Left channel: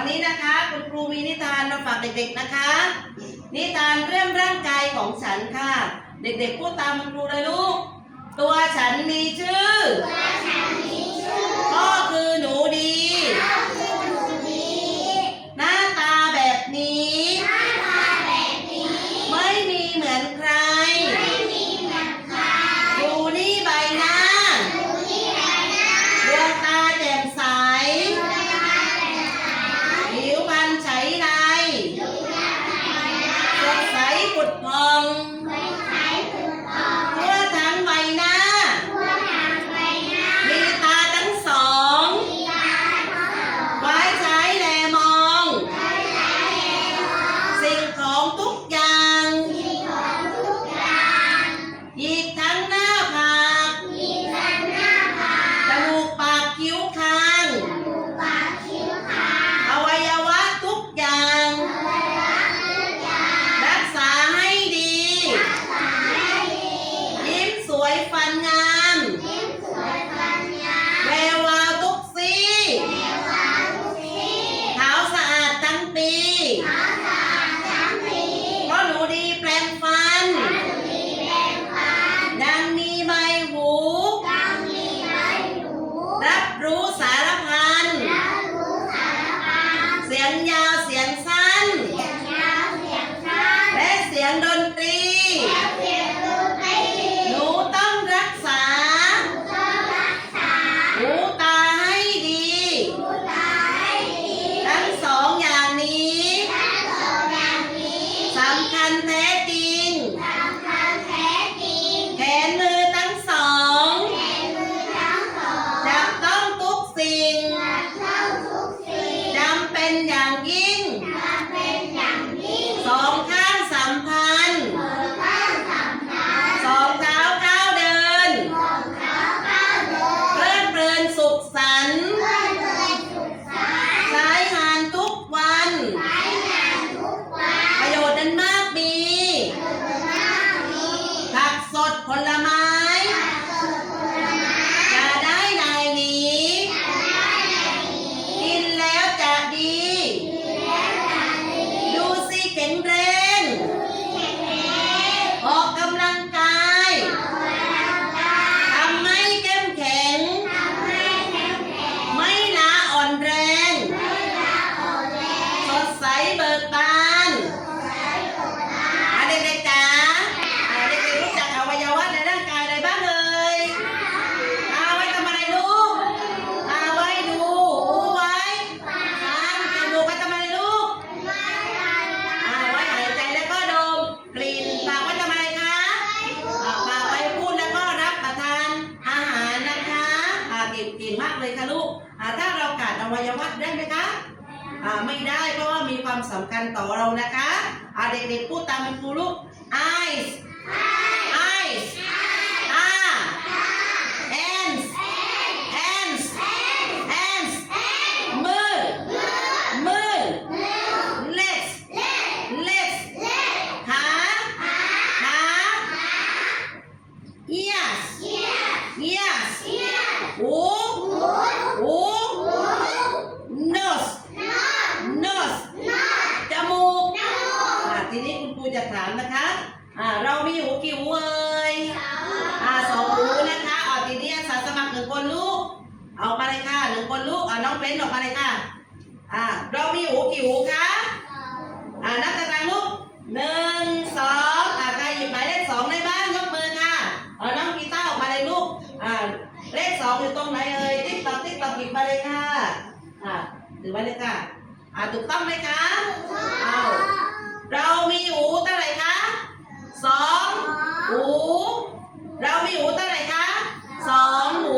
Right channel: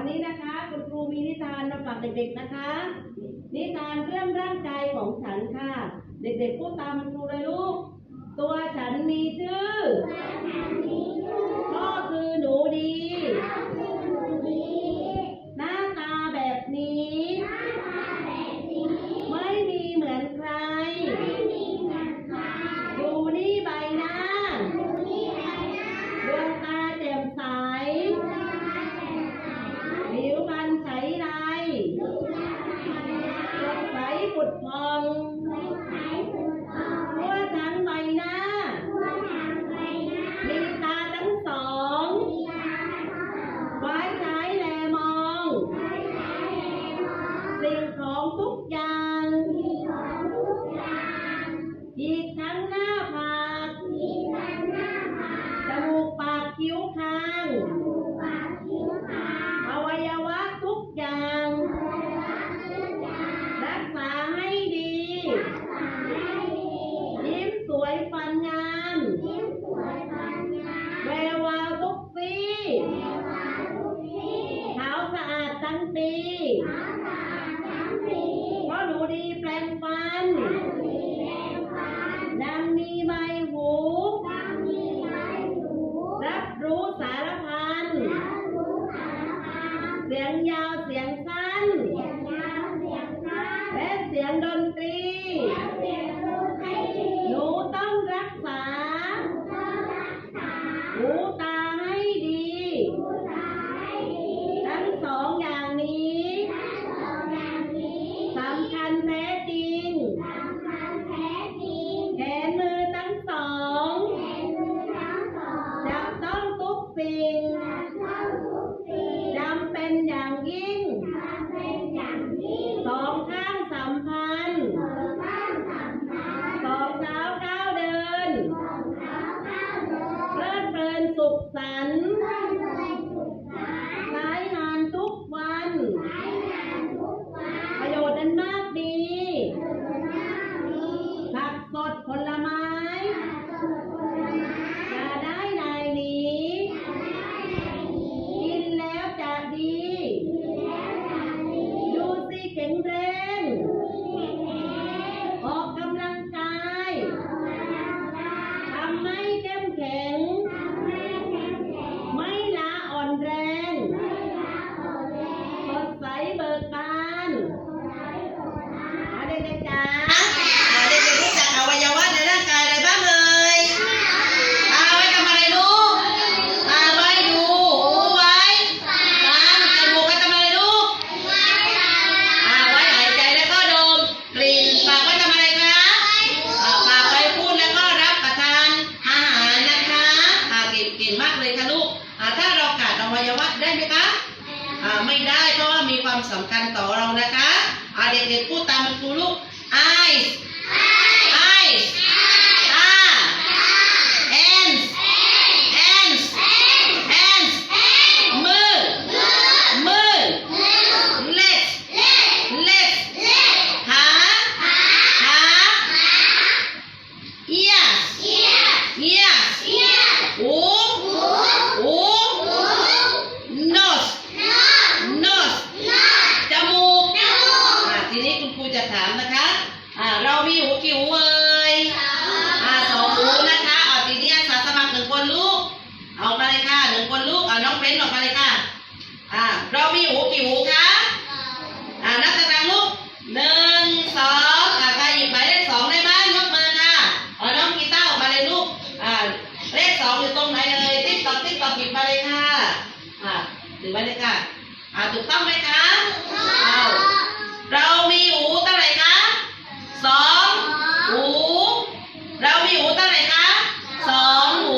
วันนี้นะคะคุณครูมีนิทานมาฝากเด็กๆนะคะ นิทานเรื่องร่างกายของฉันค่ะ เด็กๆพูดตามคุณครูเลยลูก ตัวฉันมีชื่อพ่อ เสี ขาดอวัยวะได้ไหมคะอ่าไม่ได้เพราะว่ามีความสำคัญต่อเรานะคะอ่าเด็กๆพูดตามคุณครูลูก eyes eyes ah hands hands hands มือมือ legs legs ขาขา ears ears หูหู nose nose จมูกอะ ทีนี้คุณครูจะถามนะคะอ่าเรามีหูกี่หูเอ่ยอ่าสองหูนะคะอ่าทีนี้อาสาสมัครหนึ่งคนลูกออกมาเลยค่ะหนึ่งคนลูกอ่าน้องเบ้นออกมาเลยค่ะอ่าเรามีหูกี่หูคะอ่านับตารางลูกหนึ่งสองอ่าใครหยิบหมายเลขสองได้บ้างยกมือค่ะเอาน้องกีตาร์ออกมาเลยลูกอ่าเลขสองอยู่ตรงไหนเอ่ยติ๊กตอกติ๊กตอกหยิบมาเลยค่ะอ่าถือไว้เลยค่ะอ่าถูกต้องไหมคะเอา เรามีหูเท่าไหร่คะสองหู เรามีหูเท่าไหร่คะสองหู